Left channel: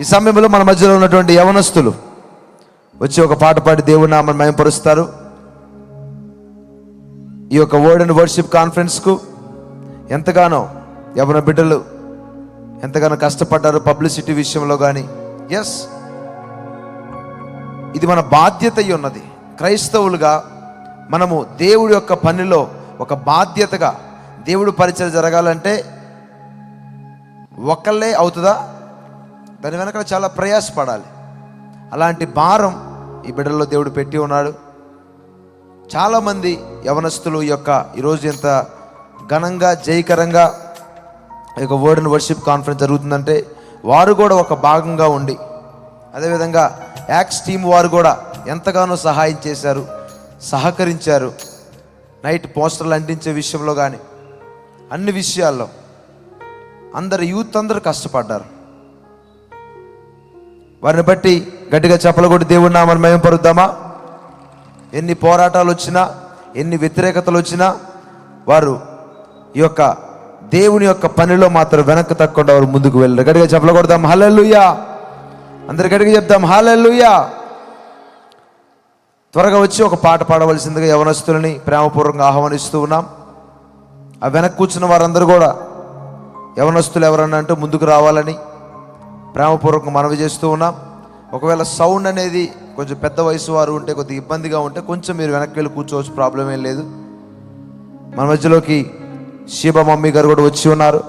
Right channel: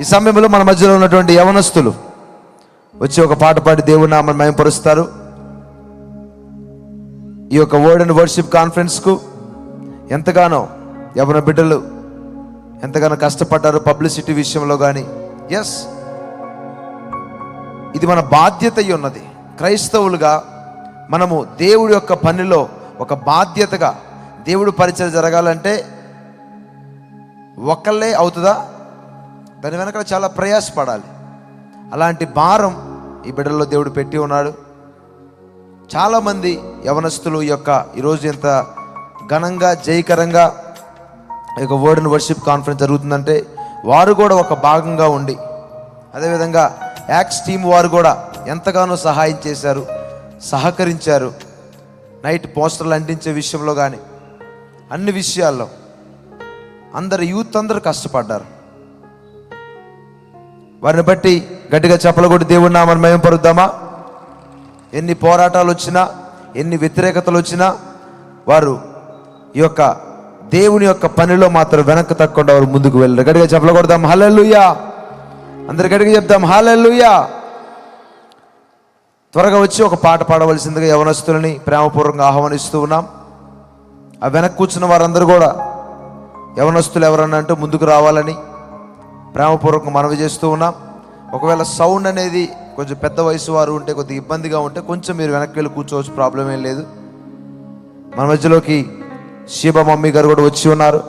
ఈ సమయంలో మన మధ్యలో ఉన్నటువంటి యవనస్తులు వచ్చి ఒక పాట పాడి దేవుని నామమును మహిమపరుస్తారు. ఈ యొక్క వర్డ్ అండ్ వర్షిప్ కాన్ఫరెన్స్ కు ఎంతగానో యవన బిడ్డలు ఎంతగానో కష్టపడ్డారు పబ్లిసిటీ విషయంలో కానీ. ఎస్, ఇది మన బాధ్యత అయి ఉన్నది. క్రైస్తవులుగా మనము దేవుడి యొక్క పనిలో ఒక బాధ్యతగా దేవుడు పరిచయం జరగాలంటే ఒక్కళ్ళే అవుతుందా? దాని వెనక చాలా ప్రయాసపడాలి. అలాంటి భారం ఈ బిడ్డల్లో దేవుడు పెట్టి ఉన్నాడు. చాలామంది యవనస్తులు ఈరోజు ఎంత ఘనంగా జయకరంగా ఈ యొక్క వర్డ్ అండ్ వర్షిప్ కాన్ఫరెన్స్ జరుగుతుందంటే వారు కూడా ఒక భాగంగా ఉండి, అదేవిధంగా యాక్స్ టీమ్ వారు కూడా ఎంతగానో సహాయం చేశారు, సహకరించారు. నైట్ పోస్టర్లు అంటించే విషయంలో కానీ అన్ని విషయాల్లో అందరు యూత్ అందరూ కష్టపడ్డారు. వారిని బట్టి గట్టిగా చెప్పలు కొట్టి దేవుడి నామమును మహిమపరుద్దామా? ఎన్ని పోరాటాలు వచ్చినా, ఎన్ని వ్యతిరేకతలు వచ్చినా వారు ఈ యొక్క దేవుని యొక్క పనిలో మాత్రం వెనక్కి తగ్గకుండా వారు ముందుకు వెళ్ళారు. గట్టిగా చెప్పలు కొడదాం హల్లెలూయా. అందరు గట్టిగా చెప్దాం హల్లెలూయా. త్వరగా వచ్చి ఒక పాట పాడవలసిందిగా యవనస్తులని ప్రేమపూర్వకంగా ఆహ్వానిస్తూ ఉన్నాం. ఆ వెనక్కి కూర్చున్న వారందరూ కూడా యవనస్తులు ఎవరన్నా అంటూ ముందుకు రావాలని ప్రేమపూర్వకంగా మనవి చేస్తూ ఉన్నాం. ఒకవేళ సౌండ్ అనేది కొంచెం పెద్ద వయసు వారు ఉంటే కొద్దిగా ఇబ్బందిగా ఉంటే కొంచెం మీరు వెనక్కి వెళ్ళి కూర్చోవచ్చు, ప్రాబ్లం ఏం లేదు. మన మధ్యలోకి శివ మమ్మీ గారు కూడా వచ్చి ఉన్నారు,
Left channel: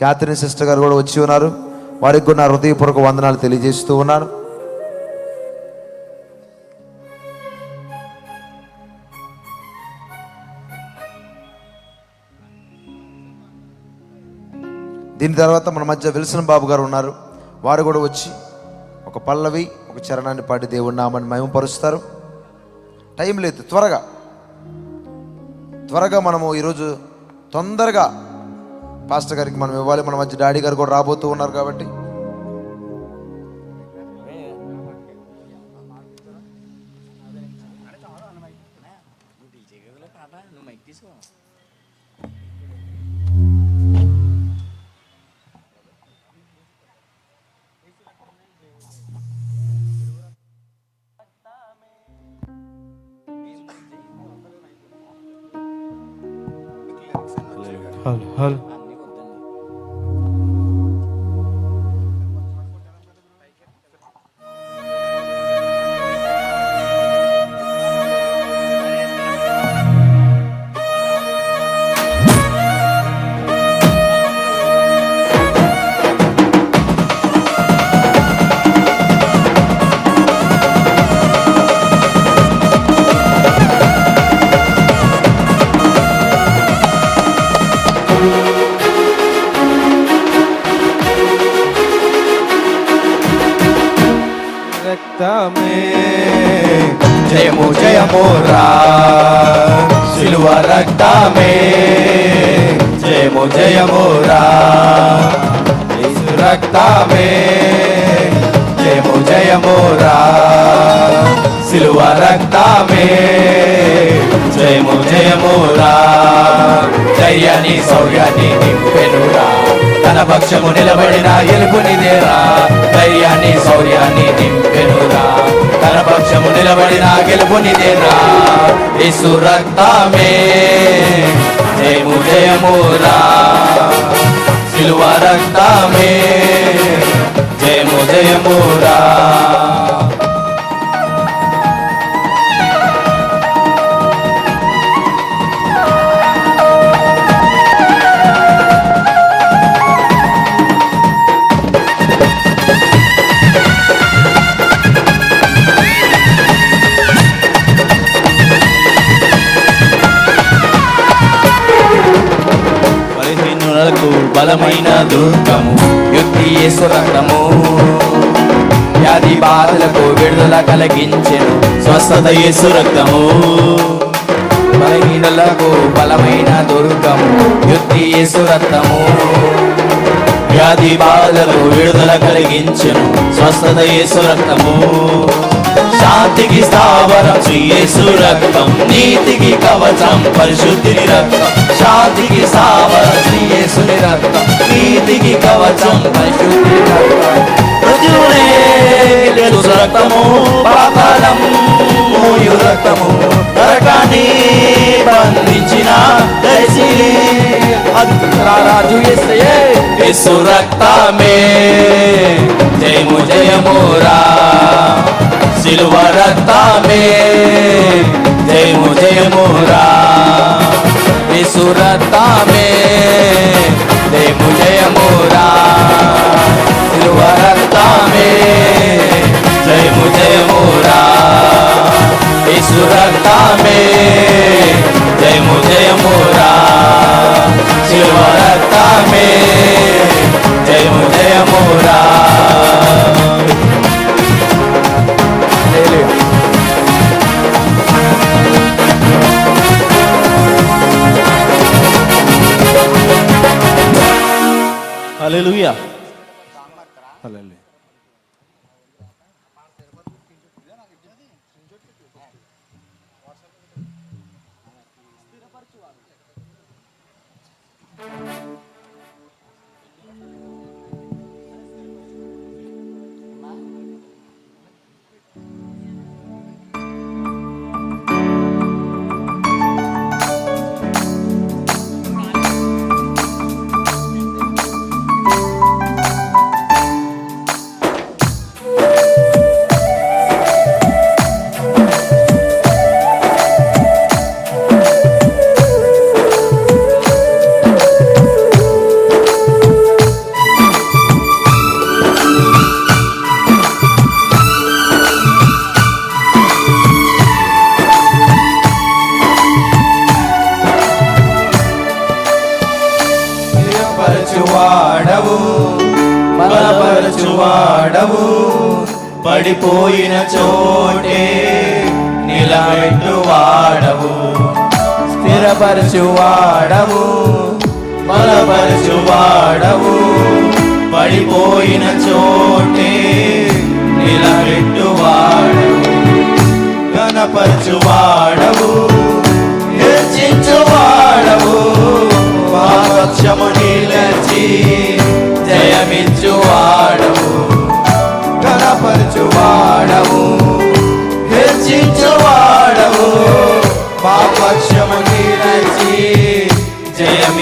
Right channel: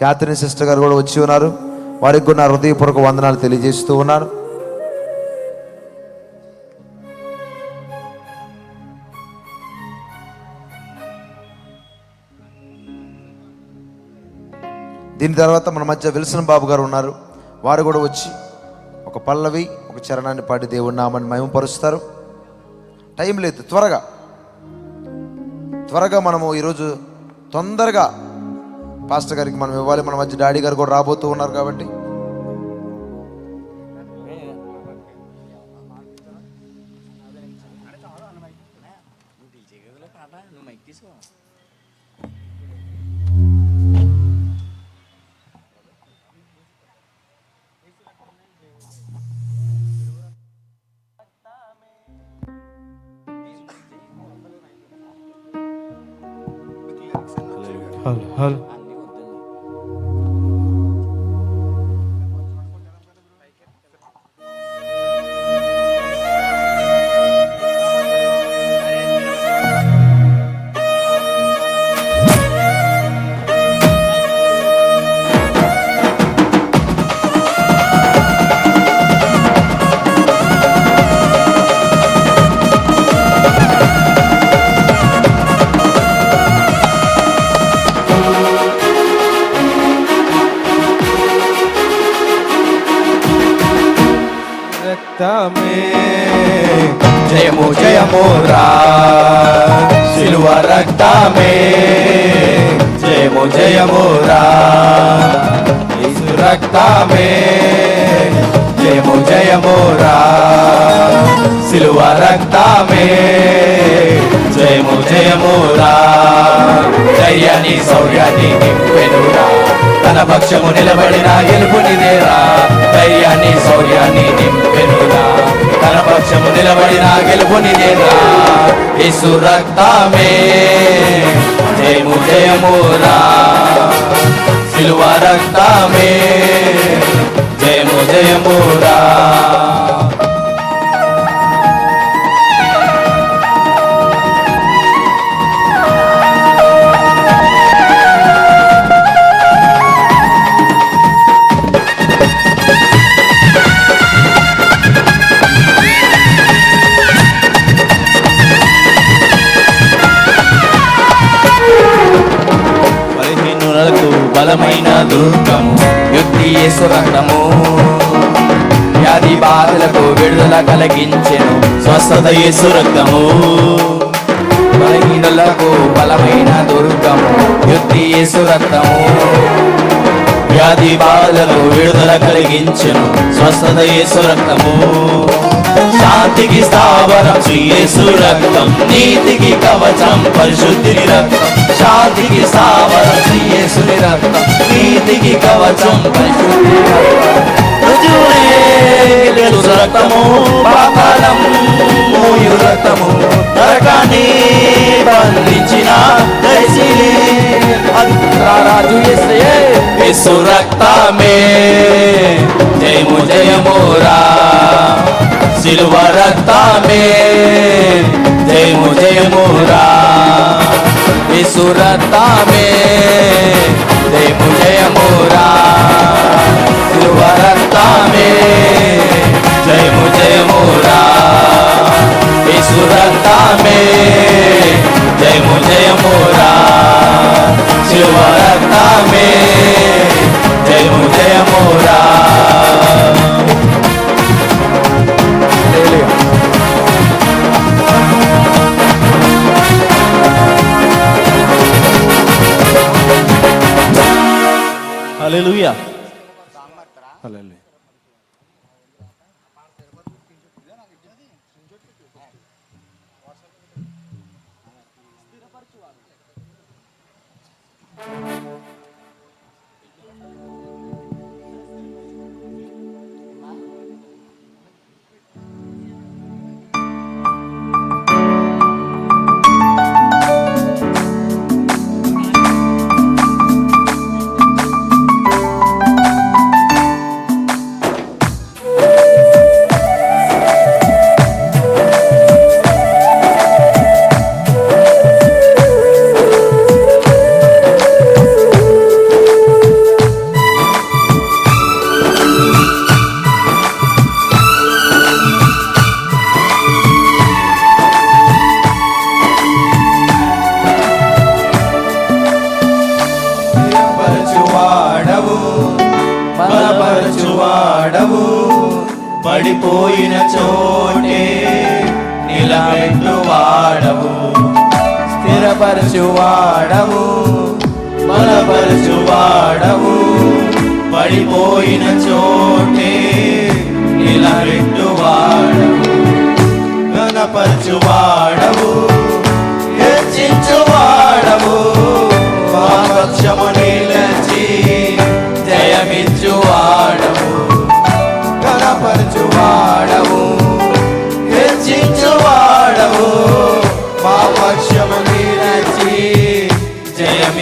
క్యాథరిన్ సిస్టర్ గారు కూడా వచ్చి ఉన్నారు. వారికి కూడా నా హృదయపూర్వక వందనాలు తెలియజేస్తూ ఉన్నాను. దీని తర్వాత మన మధ్య విల్సన్ బాబు గారు ఉన్నారు. వారు కూడా వచ్చి ఒక పల్లవి ఒక చరణాన్ని పాడి దేవుడి నామాన్ని మహిమపరుస్తారు. టైం లేదు, త్వరగా మనము ఈరోజు తొందరగా పాస్టర్ గారికి మనం ఇవ్వాలి. మన మధ్య డాడీ గారు కూడా రాబోతూ ఉన్నారు కాబట్టి హల్ జయము జయము రా సిలువ రక్తమే, జయము జయము రా యేసు రక్తమే, జయము జయము రా సిలువ రక్తమే, జయము జయము రా దయ్యాన్ని సౌర్యాన్ని నింపెనురా, తన పక్షము నిలబడిన గెలుపునిదేరా. దయ్యాన్ని సౌర్యాన్ని నింపెనురా, తన పక్షము నిలబడిన గెలుపునిదేరా. యేసు రక్తమే జయము జయమురా సిలువ రక్తమే, జయము జయమురా. బలమైన దుర్గము యుక్తి యేసు రక్తము, వ్యాధి బాధలకు విడుదల కలిగించెను స్వస్థత యేసు రక్తము. బలహీనులకు బలమైన దుర్గము యుక్తి యేసు రక్తము, వ్యాధి బాధలకు విడుదల కలిగించెను స్వస్థత యేసు రక్తము. శాంతికి స్థావరం శ్రీ యేసు రక్తం, నీతికి కవచం పరిశుద్ధుని రక్తం. శాంతికి స్థావరం శ్రీ యేసుని రక్తం, నీతికి కవచం పరిశుద్ధుని రక్తం. యేసు రక్తమే జయము జయమురా, సిలువ రక్తమే జయము జయమురా, యేసు రక్తమే జయము జయమురా, సిలువ రక్తమే జయము జయమురా, యేసు రక్తమే జయము జయమురా, సిలువ రక్తమే జయము జయమురా. హల్లెలూయా. హల్లెలూయా. పడిపోయిన చోటే నిలబెట్టువాడవు, స్థిరపరచువాడవు, బలపరచువాడవు, పడిపోయిన చోటే నిలబెట్టువాడవు, ఘనపరచువాడవు, హెచ్చించువాడవు, మా పక్షము నిలిచి జయమిచ్చువాడవు, ఘనపరచువాడవు, హెచ్చించువాడవు, మా పక్షము నిలిచి జయమిచ్చువాడవు.